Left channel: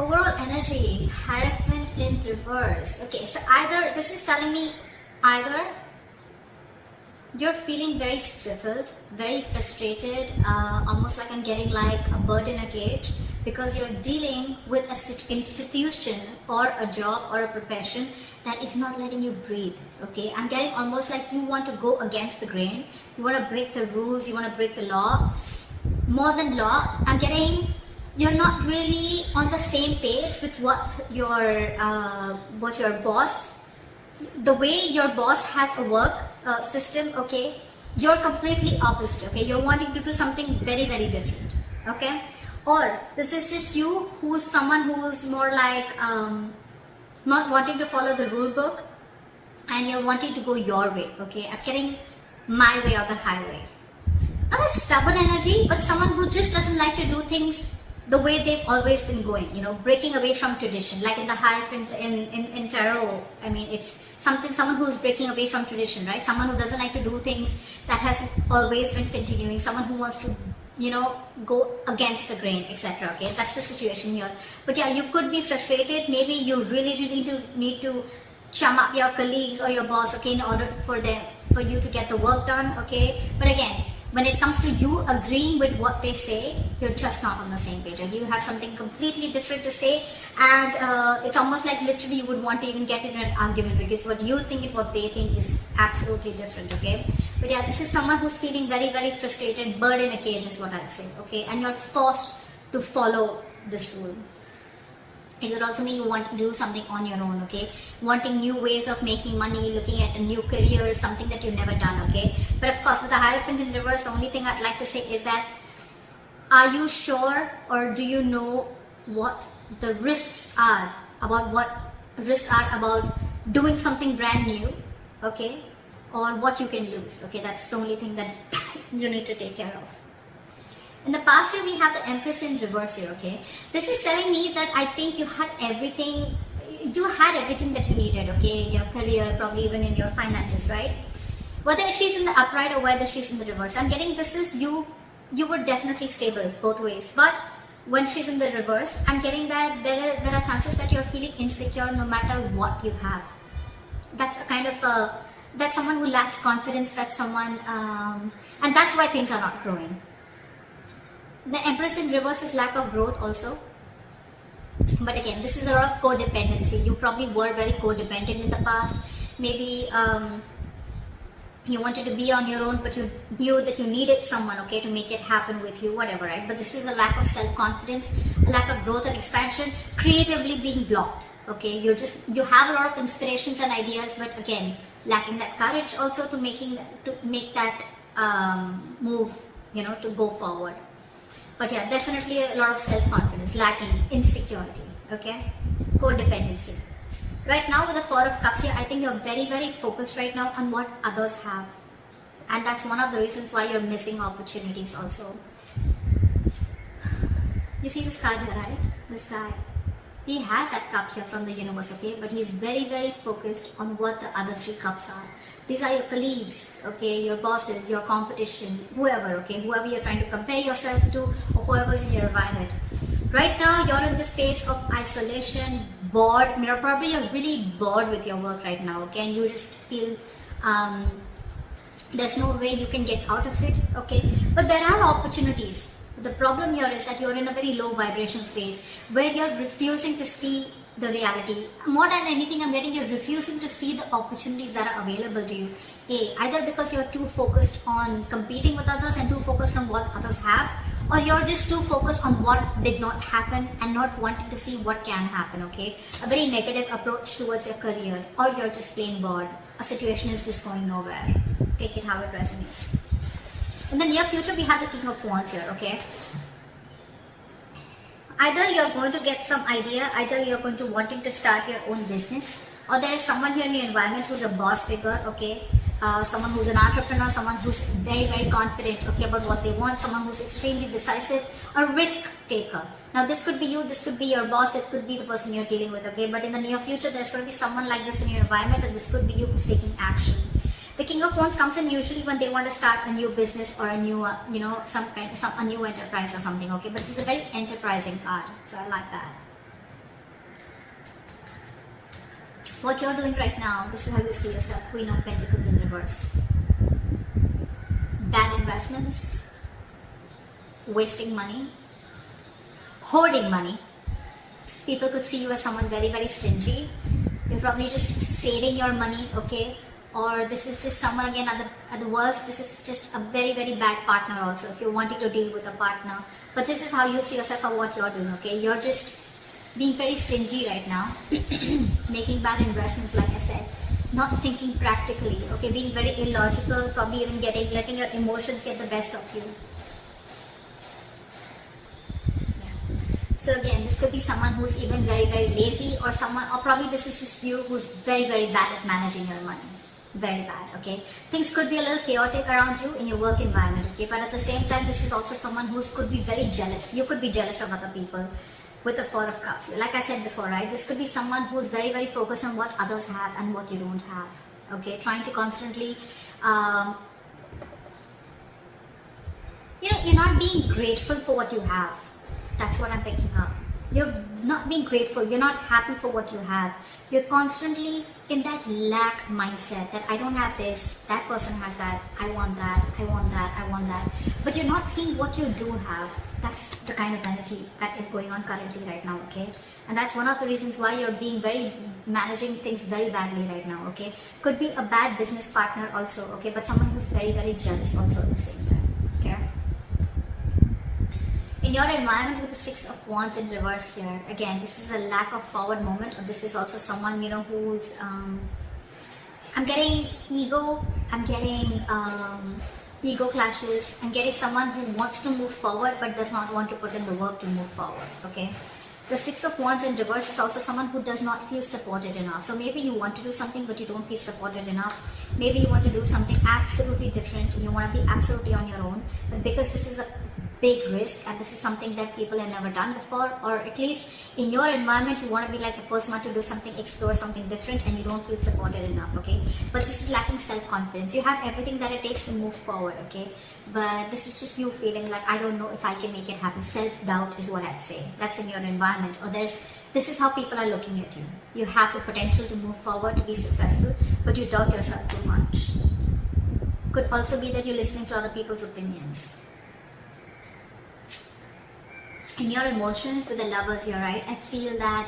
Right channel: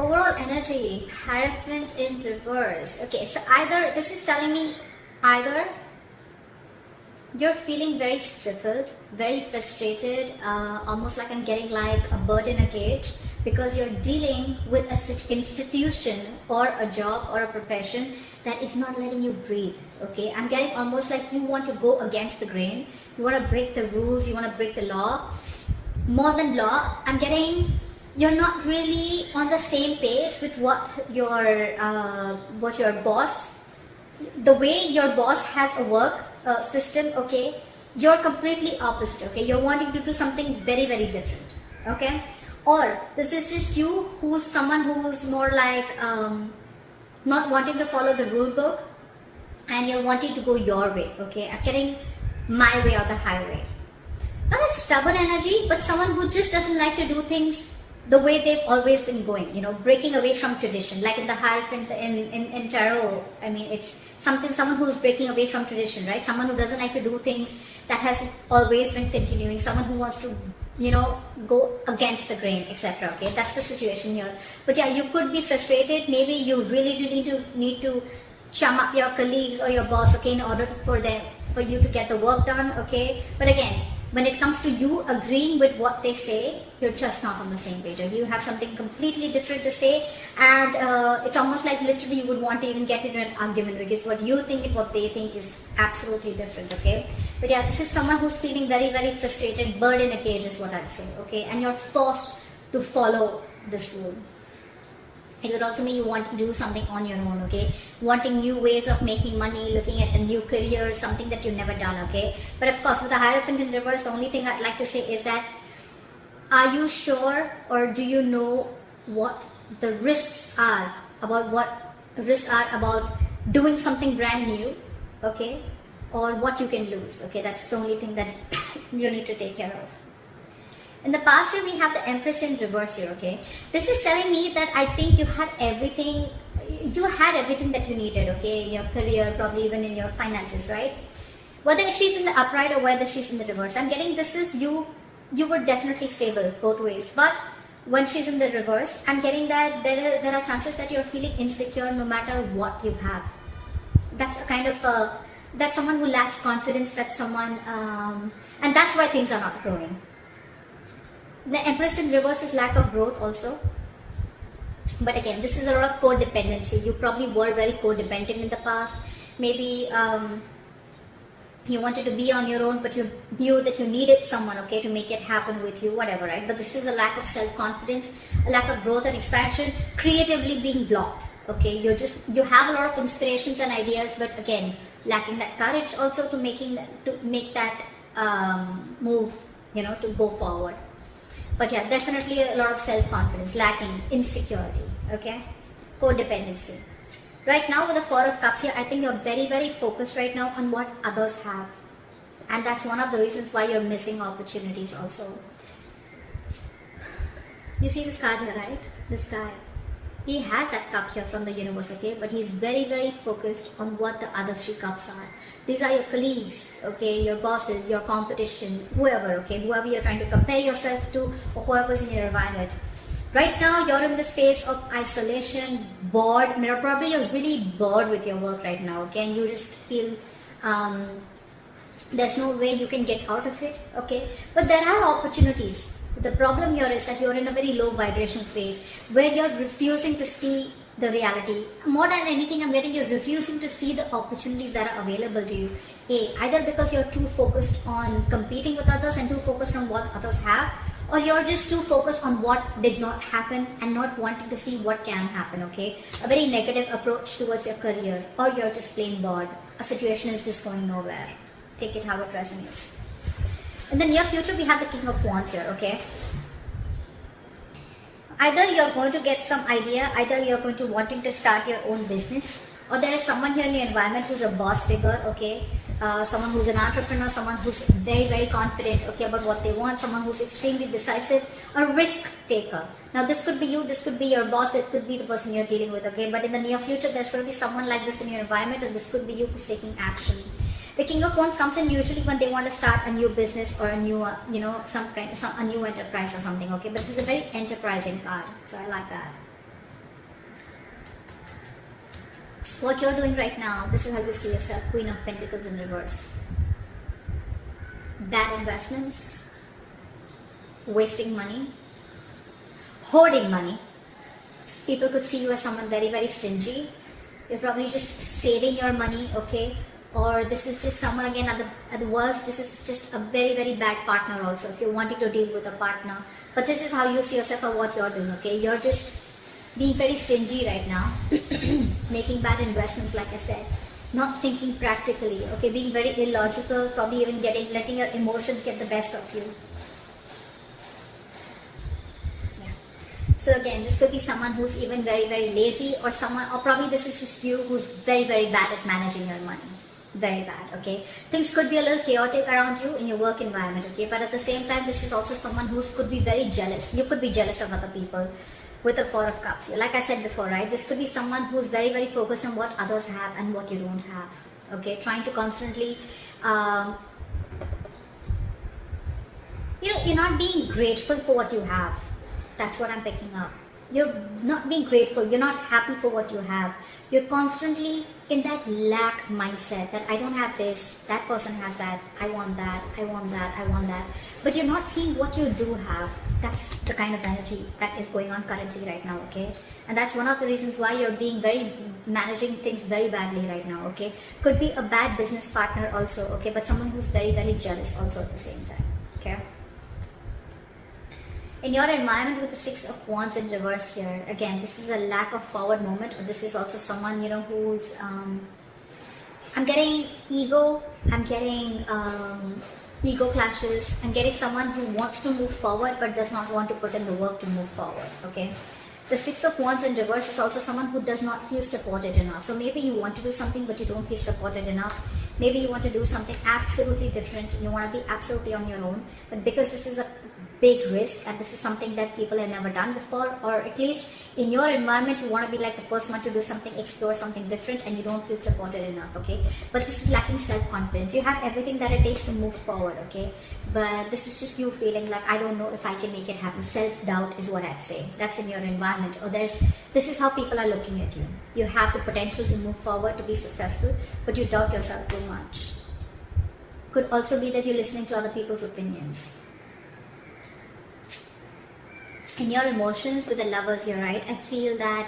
Overall energy, Hierophant in reverse. Okay, so either, this is telling me either you're feeling very stifled, very frustrated, almost like I'm getting like a bird in a cage, because you're dealing with an institution or a job or a profession that is not letting you breathe. Okay, I'm getting almost like you want to go against the grain, you want to break the rules, you want to break the law. More than law, I'm getting you're not really on the same page with what your boss, the way your boss has a work system. Okay, you're completely opposite. Okay, you're wanting to do something very, very different. Okay, or this is just you who's someone who's more like not wanting to follow the rule book, and you're wanting to go your way. Okay, I'm getting my way or the highway. Not a stubborn energy, but someone who just doesn't like to do things the way they've always been going, you know, breaking away from tradition. Like in the Hierophant in tarot, I mean, it's someone who's breaking away from tradition, right? Someone who doesn't like to do things that hasn't always been continuing. Someone who wants to, you know, go against the grain, etc. Okay, that's the situation here. But yeah, you could be frustrated. Maybe you really need to chum up your colleagues or your boss, okay, in order for you to get the work done, okay. But again, when it comes to you agreeing with what they say, you're just not on the same page, or you have something completely different to say, and it's almost like literally you would want to even get into an argument, because what you think and what they think is absolutely different. Okay, but yeah, this is someone who's feeling very, very frustrated, bird in a cage is what I'd say. Okay, and you're forced to follow this rule. It would also mean you want to do something on your own, okay? Wanting new ways of making money, looking at a new career, something that you've never done, okay? But of course, with the Hierophant in reverse, the only thing I'd like to say is that, are you sure, or do you know what the risks are about doing something brand new, okay? Or what you can lose, okay? That's the only thing that you need to take care of. In the past year, we have the Empress in reverse here, okay? This is telling me that I think you had everything that you needed, okay? In your career, probably even in your finances, right? Whether she's in the upright or whether she's in the reverse, I'm getting this is you were definitely stable both ways. But when she's in the reverse, I'm getting that there are chances that you're feeling insecure no matter what you have. That's a kind of that's someone who lacks confidence, that's someone, and that's why things are not growing. The Empress in reverse is lack of growth also. But again, this is a lot of codependency. You probably were very codependent in the past. Maybe you wanted to be on your own, but you knew that you needed someone, okay, to make it happen with you, whatever, right? But this is a lack of self-confidence, a lack of growth and expansion, creatively being blocked, okay? You have a lot of inspirations and ideas, but again, lacking that courage also to make that move, you know, to go forward. But yeah, definitely a lot of self-confidence, lacking, insecurity, okay? Codependency. Right now with the Four of Cups here, I think you're very, very focused right now on what others have. And that's one of the reasons why you're missing opportunities also. You see this card here, right? This guy. He has that cup here from the universe, okay? But he's very, very focused on what the other three cups are. These are your colleagues, okay, your bosses, your competition, whoever, okay, whoever you're trying to compare yourself to, or whoever's in your environment. Right now, you're in the space of isolation, bored. Probably you're really bored with your work right now, okay, and you just feel there's no way you can get out of it, okay. But there are opportunities. The problem here is that you're in a very low vibration phase where you're refusing to see the reality. More than anything, I'm getting you're refusing to see the opportunities that are available to you. Either because you're too focused on competing with others and too focused on what others have, or you're just too focused on what did not happen and not wanting to see what can happen, okay? A very negative approach towards your career, or you're just plain bored. A situation is just going nowhere. Take it how it resonates. In the near future, we have the King of Wands here, okay? Either you're going to get some idea, either you're going to wanting to start your own business, or there is someone here in your environment who's a boss figure, okay? Someone who's an entrepreneur, someone who's very, very confident, okay, about what they want, someone who's extremely decisive, a risk taker. Now, this could be you, this could be your boss, that could be the person you're dealing with, okay? But in the near future, there's going to be someone like this in your environment, and this could be you who's taking action. The King of Wands comes in usually when they want to start a new business or a new, a new enterprise or something, okay? But this is a very enterprising card, so I like that. what you're doing right now, this is how you see yourself. Queen of Pentacles in reverse. Bad investments, wasting money, hoarding money. People could see you as someone very, very stingy. You're probably just saving your money, okay? Or this is just someone, again, at the worst, this is just a very, very bad partner also, if you're wanting to deal with a partner. But this is how you see yourself and what you're doing, okay? You're just being very stingy right now, making bad investments, like I said, not thinking practically, okay? Being very illogical, probably even letting your emotions get the best of you. So again, this could be someone who's even very, very lazy, or probably this is just you who's very, very bad at managing your money. Very bad, okay? Things could be a little chaotic around you in your work environment, okay? But at the same time, this is also someone who could be very jealous. You could be jealous of other people with the Four of Cups. Like I said before, right? This could be someone who's very, very focused on what others have and what you don't have, okay? Trying to constantly, you're not being grateful for what you have. That's what I'm picking up. You're not being grateful. You're not happy for what you have. You're constantly in that lack mindset that I don't have this, that person has that, I want that, I want that, I want that. But you're not seeing what you do have. That's the kind of energy that is going on currently right now, okay? And that's one of the reasons why you're managing things very badly right now, okay? Could be a bad business partner also, okay? But someone who's very, very jealous also at the same time, okay? In your environment with the Six of Wands in reverse here, again, this is a lack of forward moment, or this is also someone, who's, I'm getting ego, I'm getting ego clashes, I'm getting someone who wants to move forward but does not want to put in the work to move forward, okay? The Six of Wands in reverse is also someone who does not feel supported enough. So maybe you want to do something but you don't feel supported enough. Maybe you want to do something absolutely different and you want to be absolutely on your own, but because this is a big risk and this is something that people have never done before, or at least in your environment you want to be like the first one to do something, explore something different, and you don't feel supported enough, okay? But this is lacking self-confidence. You have everything that it takes to move forward, okay? But this is just you feeling like, I don't know if I can make it happen. Self-doubt is what I'd say. That's in your environment, or this is how people are looking at you. You have the potential to move forward, to be successful, but you doubt yourself too much. Could also be that you're listening to other people's opinions. In your emotions with the Lovers here, right, I feel that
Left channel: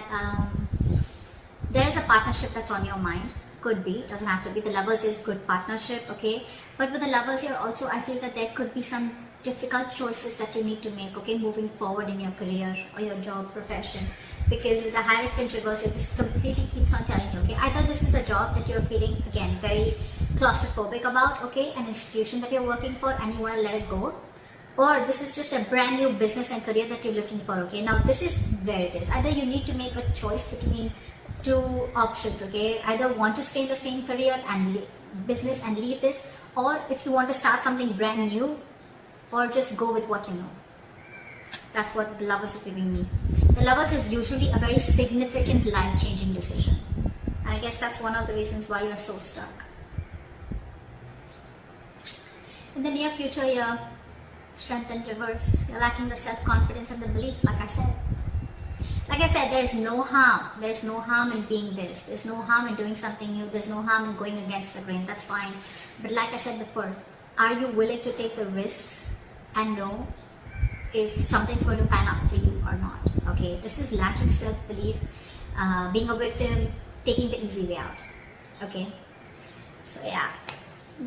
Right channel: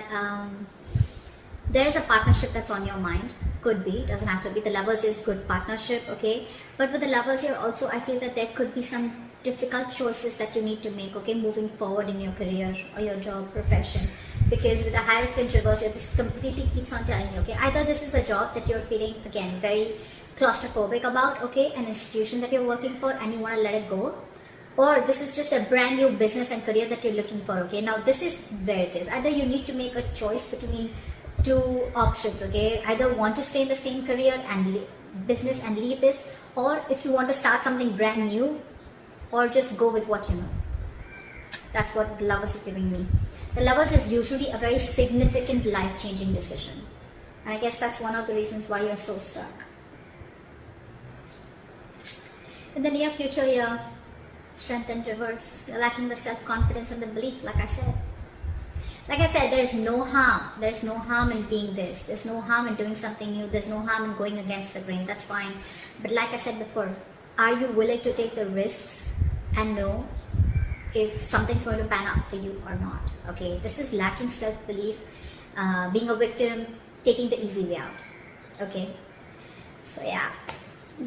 there is a partnership that's on your mind. Could be, doesn't have to be. The Lovers is good partnership, okay? But with the Lovers here also, I feel that there could be some difficult choices that you need to make, okay, moving forward in your career or your job, profession. Because with the Hierophant reverse here, this completely keeps on telling you, okay, either this is a job that you're feeling, again, very claustrophobic about, okay, an institution that you're working for and you want to let it go, or this is just a brand new business and career that you're looking for, okay? Now this is where it is. Either you need to make a choice between two options, okay? Either want to stay in the same career and business and leave this, or if you want to start something brand new, or just go with what you know. That's what the Lovers is giving me. The Lovers is usually a very significant life-changing decision. And I guess that's one of the reasons why you're so stuck. In the near future, you're Strength in reverse. You're lacking the self-confidence and the belief, like I said. Like I said, there's no harm. There's no harm in being this. There's no harm in doing something new. There's no harm in going against the grain. That's fine. But like I said before, are you willing to take the risks and know if something's going to pan out for you or not? Okay, this is lacking self-belief, being a victim, taking the easy way out. Okay, so yeah.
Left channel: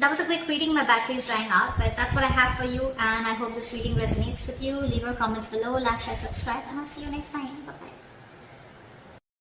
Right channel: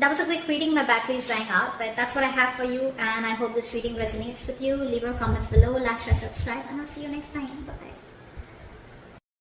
That was a quick reading. My battery is drying out, but that's what I have for you, and I hope this reading resonates with you. Leave your comments below, like, share, subscribe, and I'll see you next time. Bye-bye.